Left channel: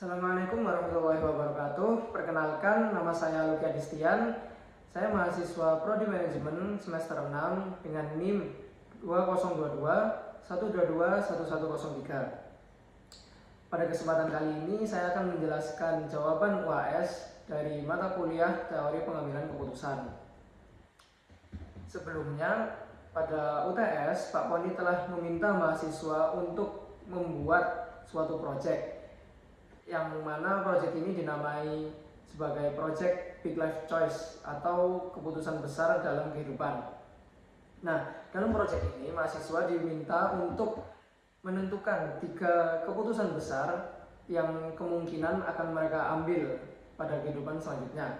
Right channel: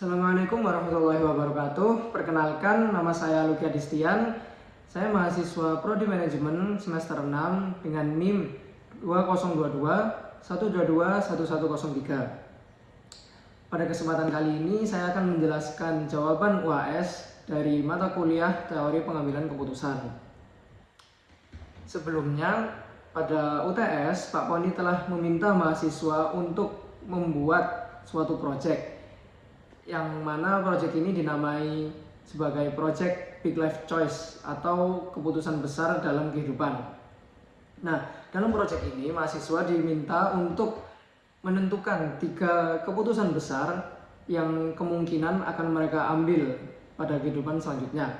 Assalamualaikum warahmatullahi wabarakatuh. Perkenalkan, nama saya Luki Adistian. Saya mahasiswa Prodi Manajemen semester 6 dengan NIM 2022 122 1103. Pada kesempatan kali ini saya akan menjelaskan jawaban UAS dari mata kuliah Teori Pengambilan Keputusan. Sebelumnya, pada UTS, Pak Poni telah meminta mahasiswa untuk membuat suatu proyek, yang mana proyek ini dinamai sebagai proyek Big Life Choice atau keputusan besar dalam kehidupan. Nah, dalam proyek ini mahasiswa diminta untuk menentukan 3 keputusan besar yang kemungkinan akan mereka ambil pada kehidupan selanjutnya.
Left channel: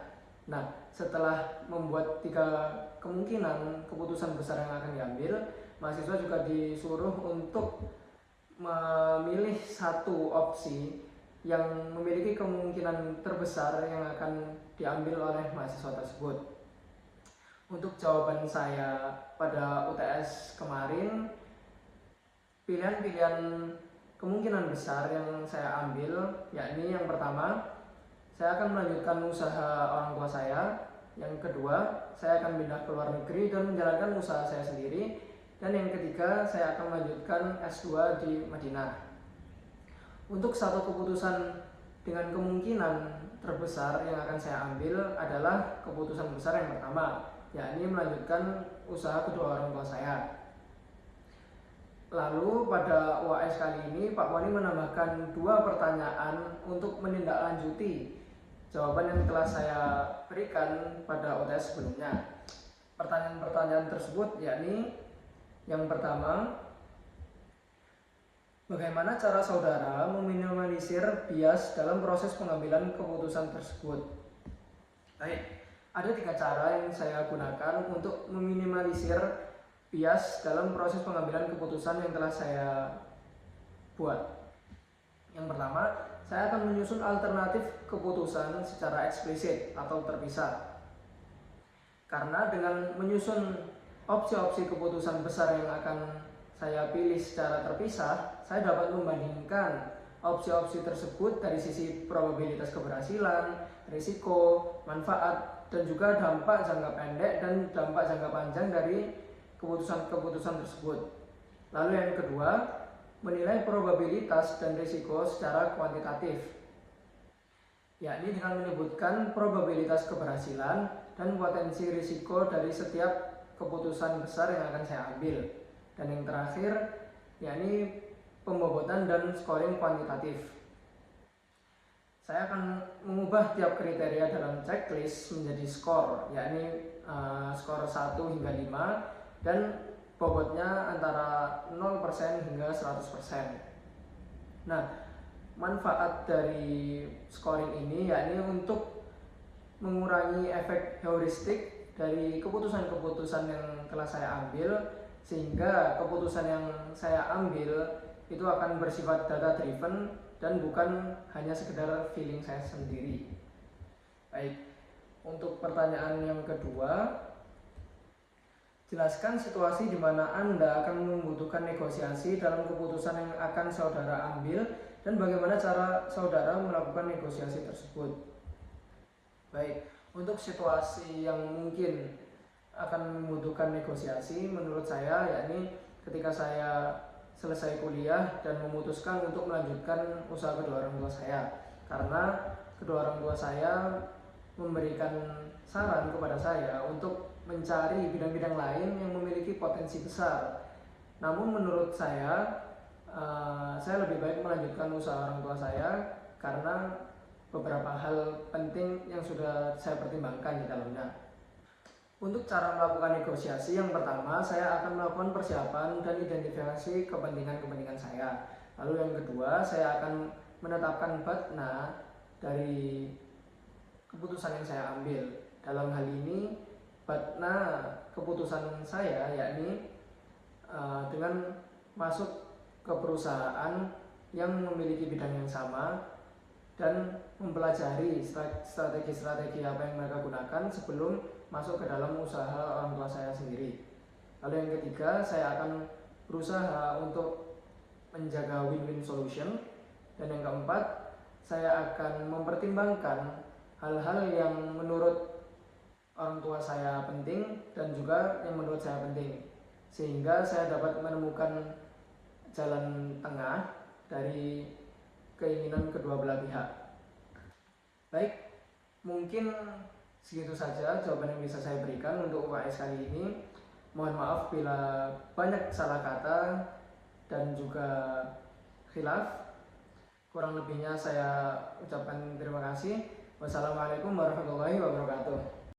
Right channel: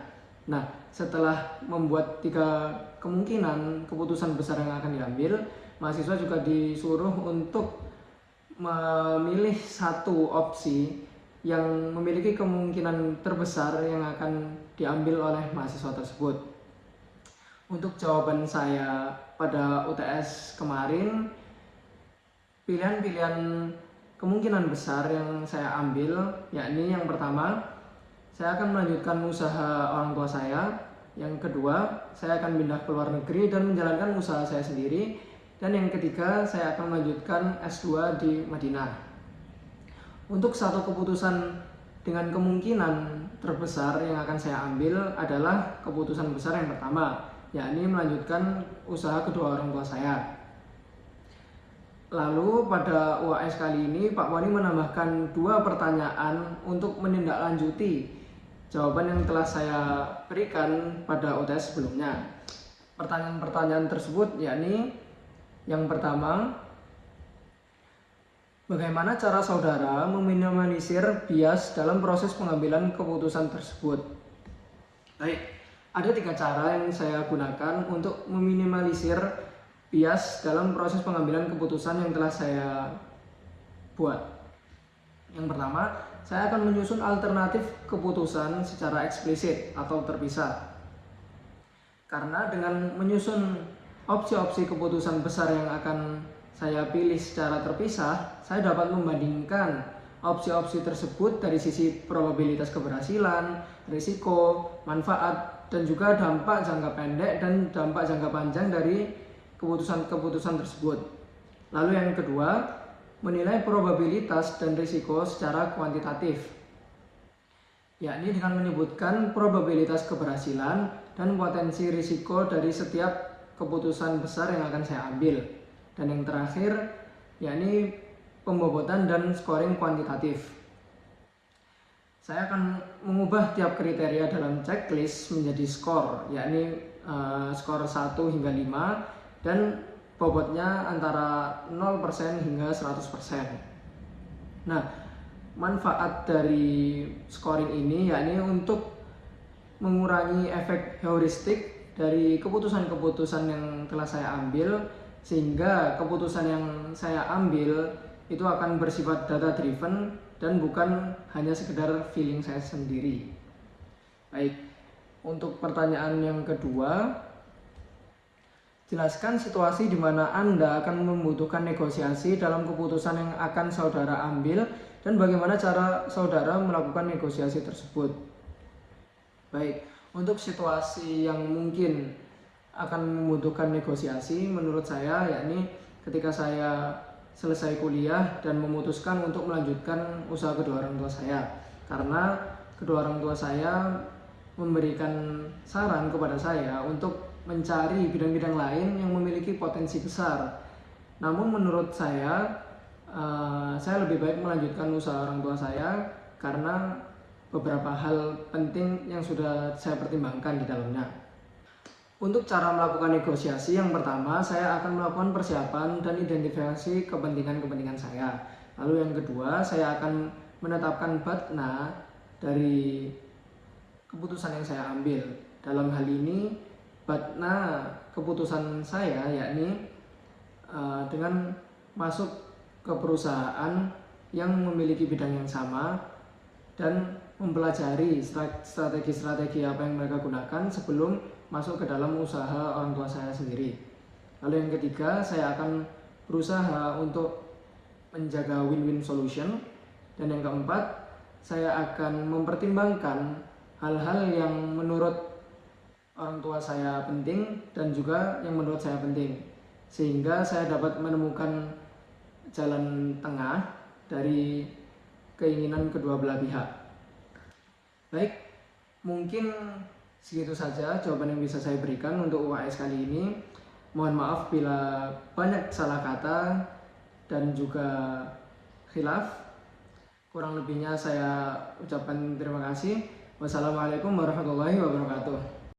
Nah, setelah membuat 3 kemungkinan keputusan besar yang akan diambil, mahasiswa juga disuruh untuk memilih satu opsi yang memiliki kemungkinan terbesar yang akan diambil oleh mahasiswa tersebut. Untuk jawaban saya pada UTS kemarin, pilihan-pilihan kemungkinan besar yang saya ambil yakni yang pertama, saya akan melanjutkan usaha orang tua saya. Yang kedua, saya akan pindah ke luar negeri dan menjalankan usaha saya sendiri. Dan yang ketiga, saya akan melanjutkan S2 di Madinah. Untuk satu keputusan dengan kemungkinan terbesar yang akan saya ambil adalah keputusan besar yang pertama, yakni melanjutkan usaha kedua orang tua saya. Lalu pada UAS kali ini Pak Wani menambahkan 2 pertanyaan untuk menindaklanjuti jawaban yang telah saya berikan pada UTS sebelumnya. Pertanyaan-pertanyaan tersebut yakni yang pertama, bagaimana cara saudara meminimalisir bias dalam proses pengambilan keputusan tersebut? Baik, ada 3 cara yang saya gunakan untuk meminimalisir bias dalam proses pengambilan keputusan yang telah saya buat. Yang pertama, saya akan menyusun alternatif keputusan secara eksplisit atau terpisah. Karena dengan menyusun opsi-opsi keputusan besar yang akan saya pilih secara terpisah, saya dapat membandingkan opsi-opsi tersebut dari sisi probabilitas keberhasilan, risiko, manfaat, dan juga dampak jangka pendek dan dampak jangka panjang dari keputusan-keputusan tersebut. Lalu yang kedua, menilai probabilitas dan risiko secara kuantitatif, yakni dengan menyebutkan probabilitas keberhasilan dan potensi risiko dari setiap keputusan besar yang akan saya ambil. Dan yang terakhir, yakni pembobotan dan scoring kuantitatif. Saya akan mengubah tiap kriteria dalam checklist menjadi skor, yakni skor 1 hingga 5 dan bobotnya antara 0% hingga 100%. Nah, manfaat dari scoring ini yakni untuk mengurangi efek heuristik dari keputusan-keputusan yang telah saya ambil, sehingga keputusan yang saya ambil itu akan bersifat data driven dan bukan hanya sekedar feeling saya sendiri. Baik, untuk pertanyaan yang kedua, jelaskan situasi di mana Anda akan membutuhkan negosiasi dalam keputusan yang akan saudara ambil dan bagaimana cara saudara melakukan negosiasi tersebut. Baik, untuk situasi yang mungkin akan membutuhkan negosiasi menurut saya yakni ketika saya selesai kuliah dan memutuskan untuk melanjutkan usaha kedua orang tua saya, karena kedua orang tua saya memberikan saran kepada saya untuk mencari bidang-bidang lain yang memiliki potensi besar. Namun menurut saya lebih baik melanjutkan usaha orang tua saya karena beberapa hal penting yang sudah saya pertimbangkan di dalamnya. Untuk cara melakukan negosiasi, yang pertama saya akan melakukan persiapan dan identifikasi kepentingan-kepentingan saya. Lalu yang kedua, saya akan menetapkan batna dari keputusan yang saya ambil. Dalam hal ini, batna keputusan saya yakni dengan masuk ke perusahaan yang memiliki bidang yang sama dan mempelajari strategi-strategi apa yang mereka gunakan sebelum masuk ke dalam usaha orang tua saya sendiri. Lalu yang ketiga, saya akan berusaha untuk menjaga win-win solution. Dan yang keempat, saya akan mempertimbangkan hal-hal yang menurut orang tua saya penting dan juga yang menurut saya penting, sehingga saya dapat menemukan jalan tengah dari keinginan kedua belah pihak. Baik, mungkin segitu saja jawaban yang bisa saya berikan untuk UAS kali ini. Mohon maaf bila banyak salah kata dan juga khilaf. Kurang lebihnya saya ucapkan terima kasih. Wassalamualaikum warahmatullahi wabarakatuh.